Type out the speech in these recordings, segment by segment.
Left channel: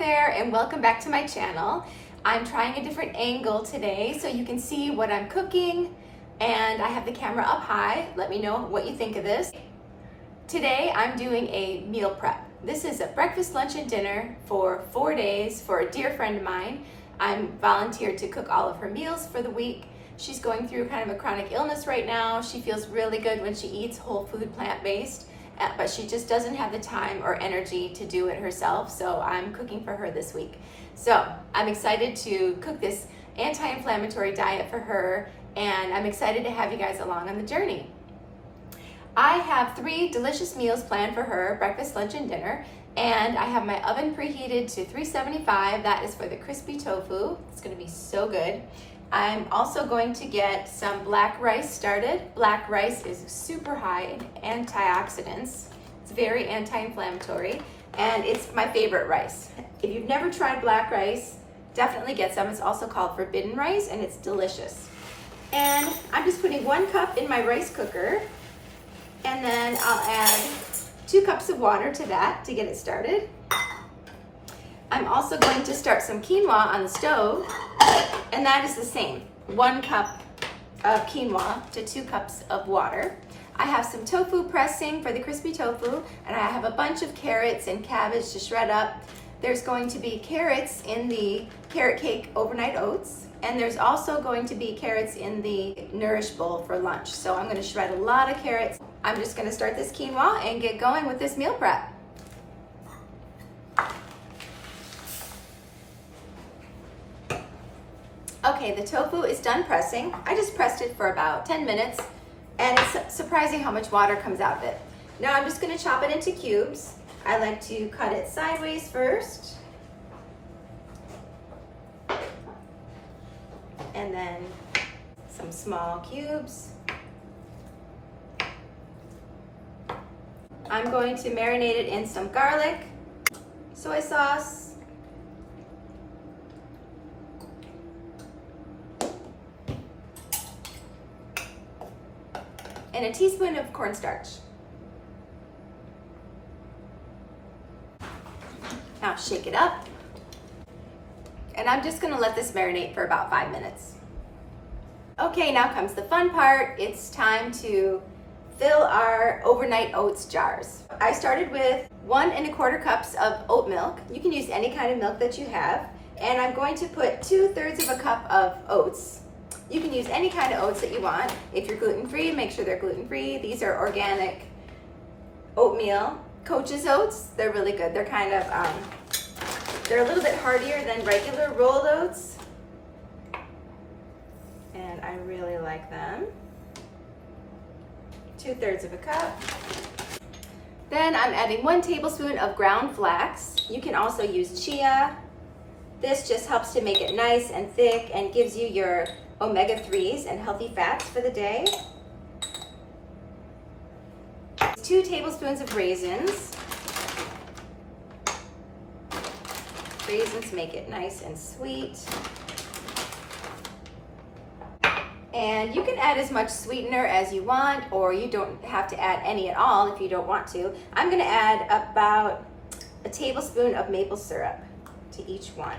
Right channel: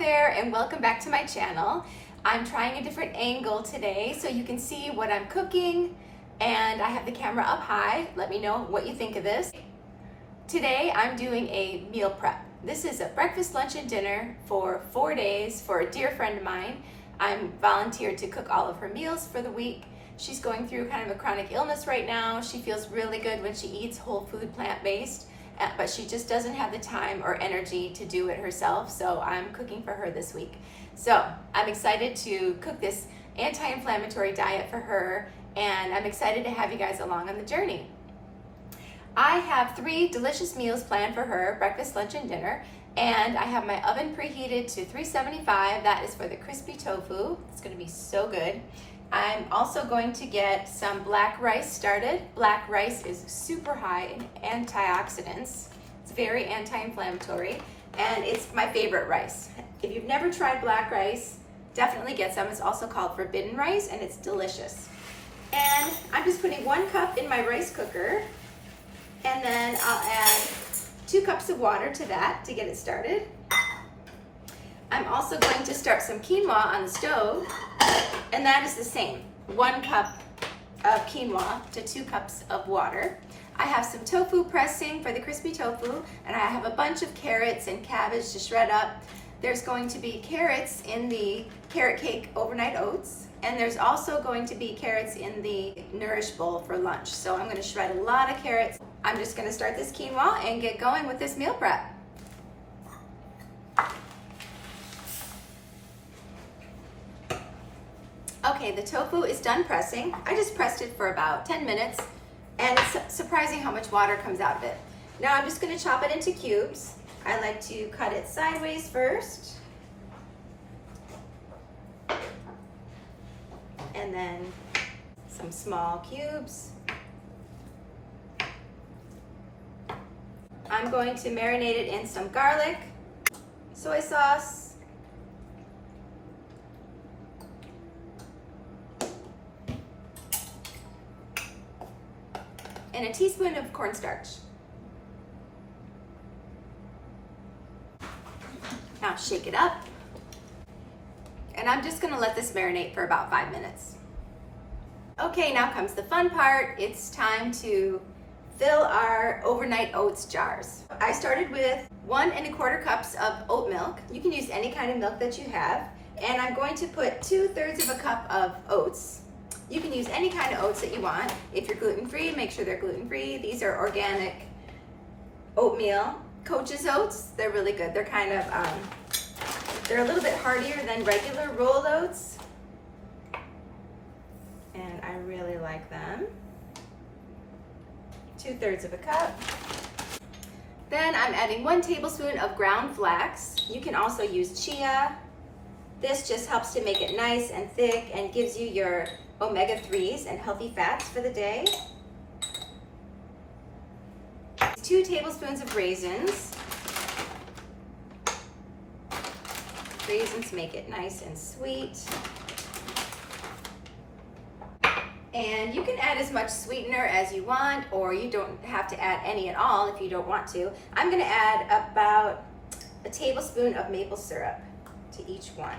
there and welcome back to my channel. I'm trying a different angle today so you can see what I'm cooking, and I have the camera up high. Let me know what you think of this. Today I'm doing a meal prep. This is a breakfast, lunch, and dinner for 4 days for a dear friend of mine. I'm volunteered to cook all of her meals for the week. She's going through kind of a chronic illness right now. She feels really good when she eats whole food, plant-based, but she just doesn't have the time or energy to do it herself, so I'm cooking for her this week. So I'm excited to cook this anti-inflammatory diet for her, and I'm excited to have you guys along on the journey. I have 3 delicious meals planned for her, breakfast, lunch, and dinner, and I have my oven preheated to 375. That is for the crispy tofu. It's gonna be so good. I'm also going to get some black rice started. Black rice is super high in antioxidants. It's very anti-inflammatory, and it's my favorite rice. If you've never tried black rice, definitely get some. It's also called forbidden rice, and it's delicious. And I'm just putting 1 cup in my rice cooker, and then I'll add 2 cups of water to that to get it started. I'm also going to start some quinoa on the stove, and that is the same. 1 cup of quinoa to 2 cups of water. I have some tofu pressing for the crispy tofu, and I have a bunch of carrots and cabbage to shred up. There's going to be carrots in the carrot cake overnight oats, and there's also going to be carrots in the Nourish bowl for lunch. So I'm gonna shred a lot of carrots. I'm just gonna start this quinoa and get going with this meal prep. Okay, the tofu is done pressing. I just pressed it for about 10 minutes, and it's surprising how much water comes out of it. Now I'm just gonna chop it into cubes. I like to cut it sideways first, and then some small cubes. I'm going to marinate it in some garlic, soy sauce, and a teaspoon of cornstarch. Now shake it up, and I'm just gonna let this marinate for about 5 minutes. Okay, now comes the fun part. It's time to fill our overnight oats jars. I started with 1 1/4 cups of oat milk. You can use any kind of milk that you have, and I'm going to put 2/3 of a cup of oats. You can use any kind of oats that you want. If you're gluten-free, make sure they're gluten-free. These are organic oatmeal. Coach's oats, they're really good. They're kind of, they're a little bit heartier than regular rolled oats, and I really like them. 2/3 of a cup. Then I'm adding 1 tablespoon of ground flax. You can also use chia. This just helps to make it nice and thick and gives you your omega-3s and healthy fats for the day. 2 tablespoons of raisins. Raisins make it nice and sweet. And you can add as much sweetener as you want, or you don't have to add any at all if you don't want to. I'm gonna add about a tablespoon of maple syrup to each one.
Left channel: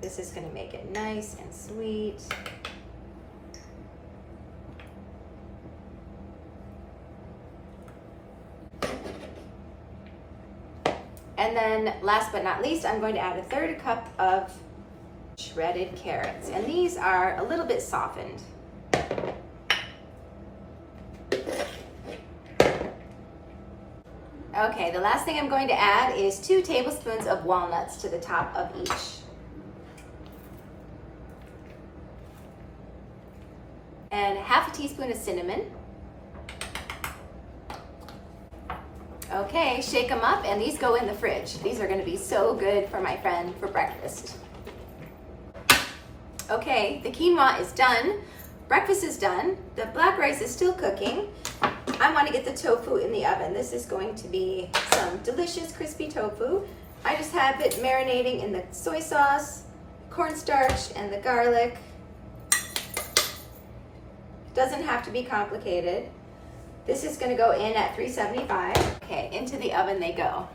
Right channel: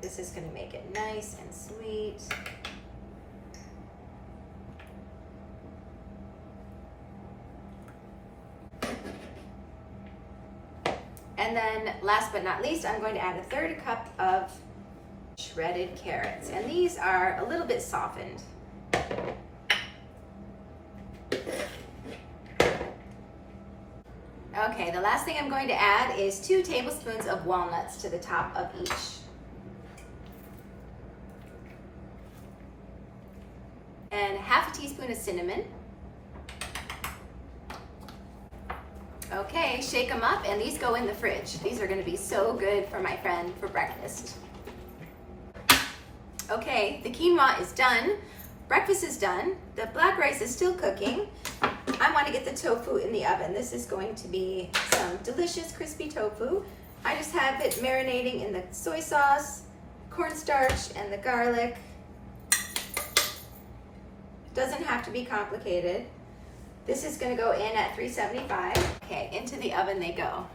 This is gonna make it nice and sweet. And then last but not least, I'm going to add a 1/3 cup of shredded carrots. And these are a little bit softened. Okay, the last thing I'm going to add is 2 tablespoons of walnuts to the top of each. And 1/2 teaspoon of cinnamon. Okay, shake them up, and these go in the fridge. These are gonna be so good for my friend for breakfast. Okay, the quinoa is done. Breakfast is done. The black rice is still cooking. I wanna get the tofu in the oven. This is going to be some delicious crispy tofu. I just have it marinating in the soy sauce, cornstarch, and the garlic. Doesn't have to be complicated. This is gonna go in at 375. Okay, into the oven they go.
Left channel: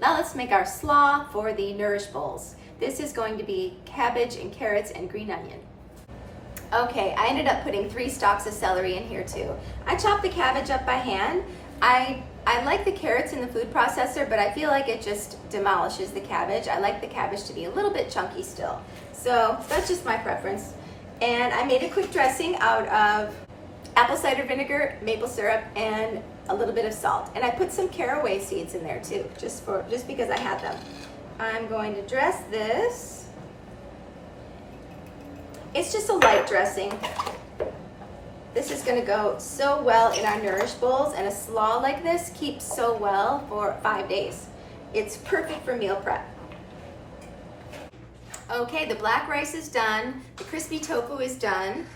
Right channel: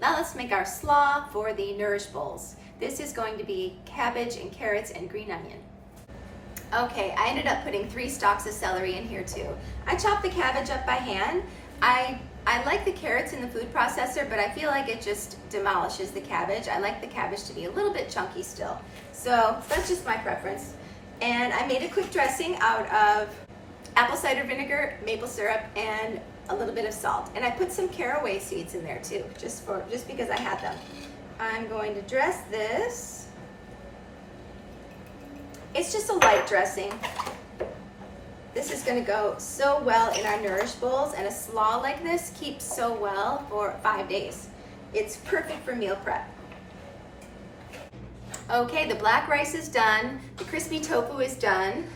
Now let's make our slaw for the Nourish Bowls. This is going to be cabbage and carrots and green onion. Okay, I ended up putting 3 stalks of celery in here too. I chopped the cabbage up by hand. I like the carrots in the food processor, but I feel like it just demolishes the cabbage. I like the cabbage to be a little bit chunky still. So that's just my preference. And I made a quick dressing out of apple cider vinegar, maple syrup, and a little bit of salt. And I put some caraway seeds in there too, just because I had them. I'm going to dress this. It's just a light dressing. This is going to go so well in our Nourish Bowls, and a slaw like this keeps so well for 5 days. It's perfect for meal prep. Okay, the black rice is done, the crispy tofu is done,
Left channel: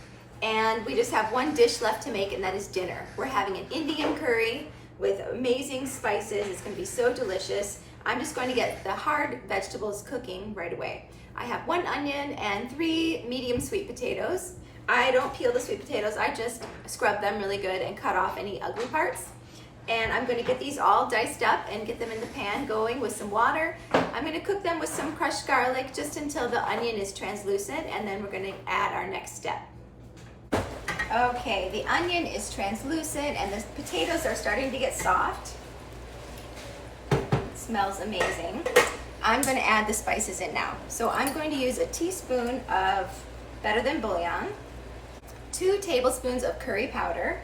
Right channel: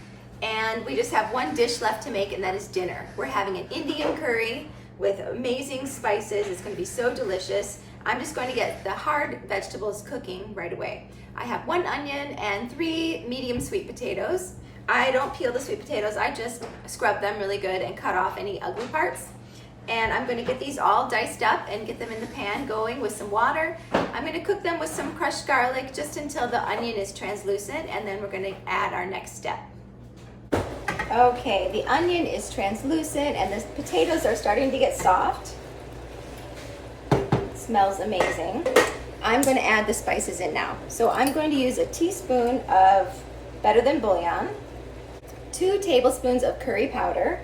and we just have one dish left to make, and that is dinner. We're having an Indian curry with amazing spices. It's going to be so delicious. I'm just going to get the hard vegetables cooking right away. I have 1 onion and 3 medium sweet potatoes. I don't peel the sweet potatoes, I just scrub them really good and cut off any ugly parts. And I'm going to get these all diced up and get them in the pan going with some water. I'm going to cook them with some crushed garlic just until the onion is translucent, and then we're going to add our next step. Okay, the onion is translucent and the potatoes are starting to get soft. It smells amazing. I'm going to add the spices in now. So I'm going to use a teaspoon of Better Than Bouillon, 2 tablespoons of curry powder,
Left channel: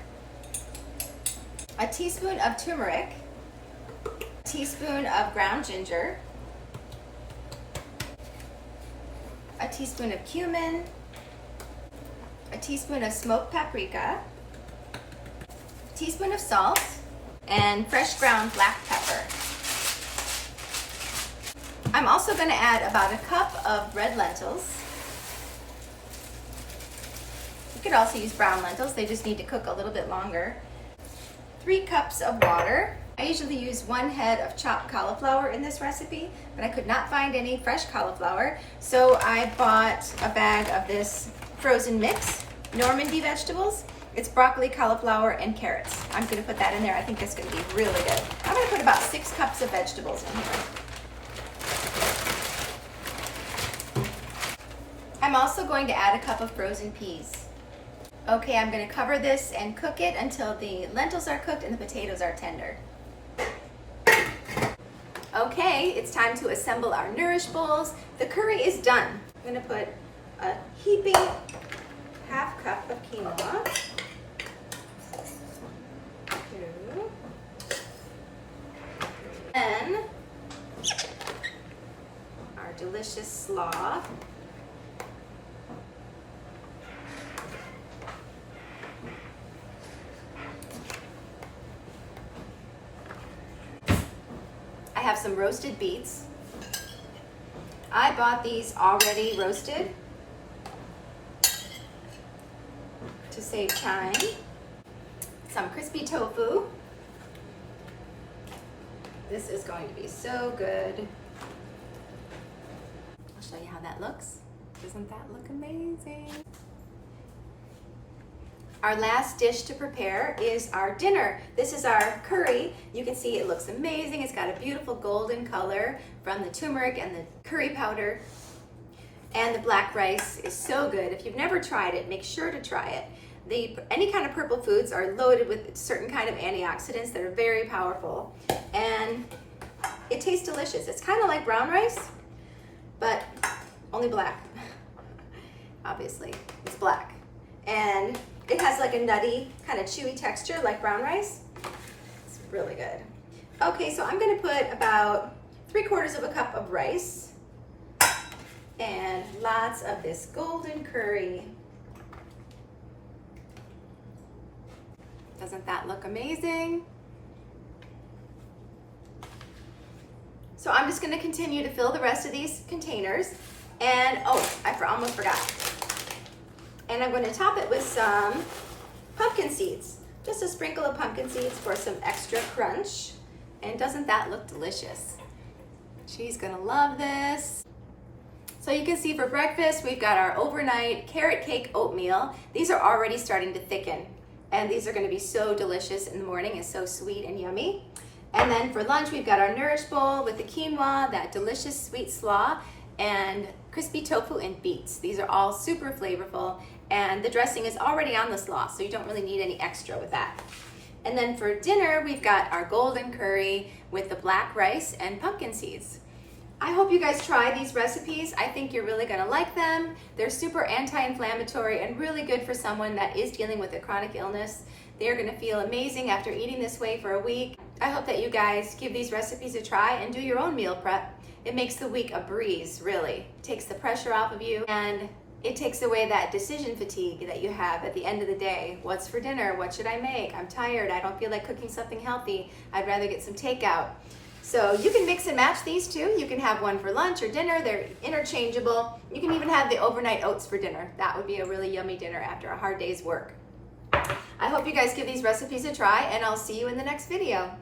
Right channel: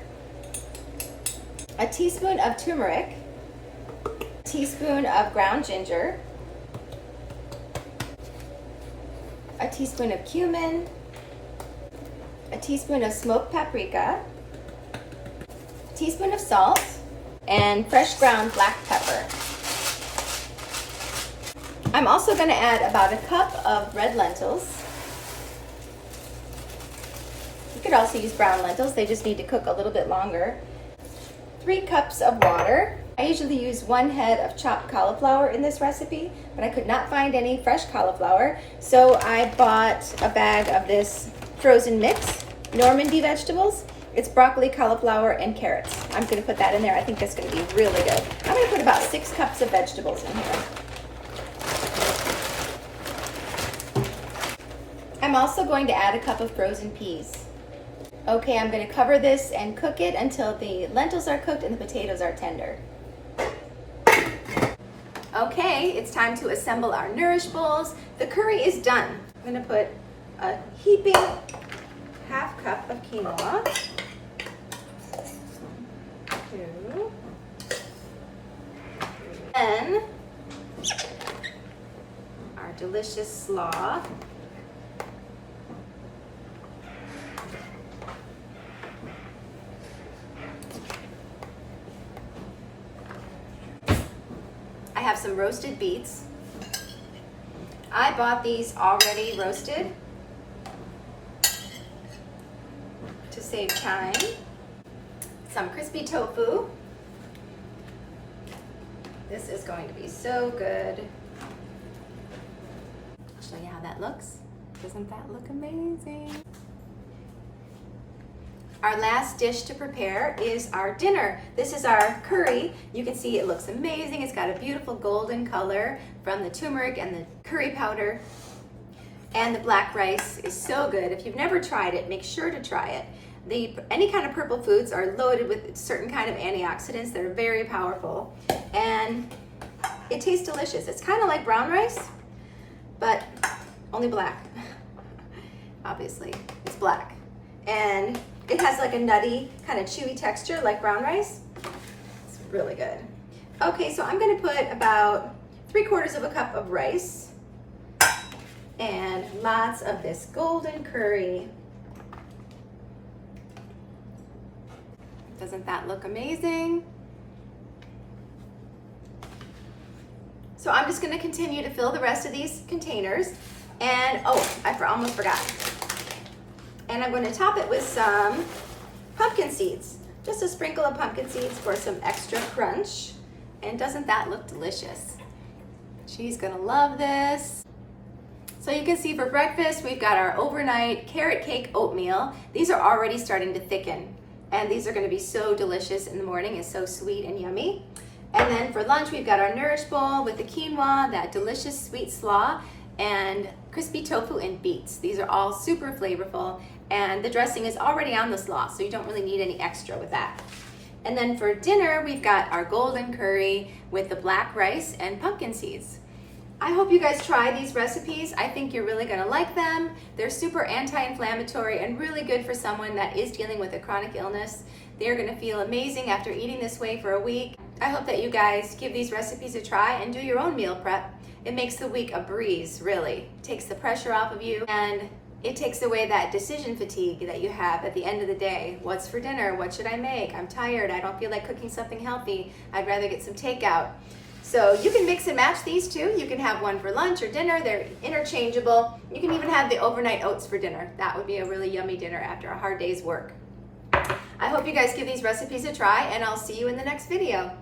a teaspoon of turmeric, a teaspoon of ground ginger, a teaspoon of cumin, a teaspoon of smoked paprika, a teaspoon of salt, and fresh ground black pepper. I'm also going to add about a cup of red lentils. You could also use brown lentils, they just need to cook a little bit longer. 3 cups of water. I usually use 1 head of chopped cauliflower in this recipe, but I could not find any fresh cauliflower, so I bought a bag of this frozen mix, Normandy vegetables. It's broccoli, cauliflower, and carrots. I'm going to put that in there. I think that's going to be really good. I'm going to put about 6 cups of vegetables in here. I'm also going to add a cup of frozen peas. Okay, I'm going to cover this and cook it until the lentils are cooked and the potatoes are tender. Okay, it's time to assemble our Nourish Bowls. The curry is done. I'm going to put a heaping half cup of quinoa. 2, 3, then our delicious slaw. I have some roasted beets. I bought these already roasted to save time. Some crispy tofu. This is going to be so good. I'll show you how that looks. Doesn't that look amazing? Our last dish to prepare is our dinner. This is our curry. You can see it looks amazing. It's got a beautiful golden color from the turmeric and the curry powder. And the black rice is so good. If you've never tried it, make sure to try it. Any kind of purple foods are loaded with certain kind of antioxidants that are very powerful. And it tastes delicious. It's kind of like brown rice, but only black. Obviously, it's black. And it has like a nutty, kind of chewy texture like brown rice. It's really good. Okay, so I'm gonna put about 3/4 of a cup of rice and lots of this golden curry. Doesn't that look amazing? So I'm just gonna continue to fill the rest of these containers. And oh, I almost forgot. And I'm going to top it with some pumpkin seeds. Just a sprinkle of pumpkin seeds for some extra crunch. And doesn't that look delicious? She's going to love this. So you can see for breakfast, we've got our overnight carrot cake oatmeal. These are already starting to thicken. And these are going to be so delicious in the morning. It's so sweet and yummy. And then for lunch, we've got our Nourish Bowl with the quinoa, that delicious sweet slaw, and crispy tofu and beets. These are all super flavorful, and the dressing is already on the slaw, so you don't really need any extra with that. And then for dinner, we've got our golden curry with the black rice and pumpkin seeds. I hope you guys try these recipes. I think you're really gonna like them. They're super anti-inflammatory and really good for someone that is dealing with a chronic illness. They're gonna feel amazing after eating this way for a week. I hope that you guys give these recipes a try and do your own meal prep. It makes the week a breeze, really. It takes the pressure off of you, and it takes away that decision fatigue that you have at the end of the day. What's for dinner? What should I make? I'm tired. I don't feel like cooking something healthy. I'd rather get some takeout. So you can mix and match these two. You can have one for lunch or dinner. They're interchangeable. You can even have the overnight oats for dinner. That would be a really yummy dinner after a hard day's work. I hope you guys give these recipes a try, and I'll see you in the next video.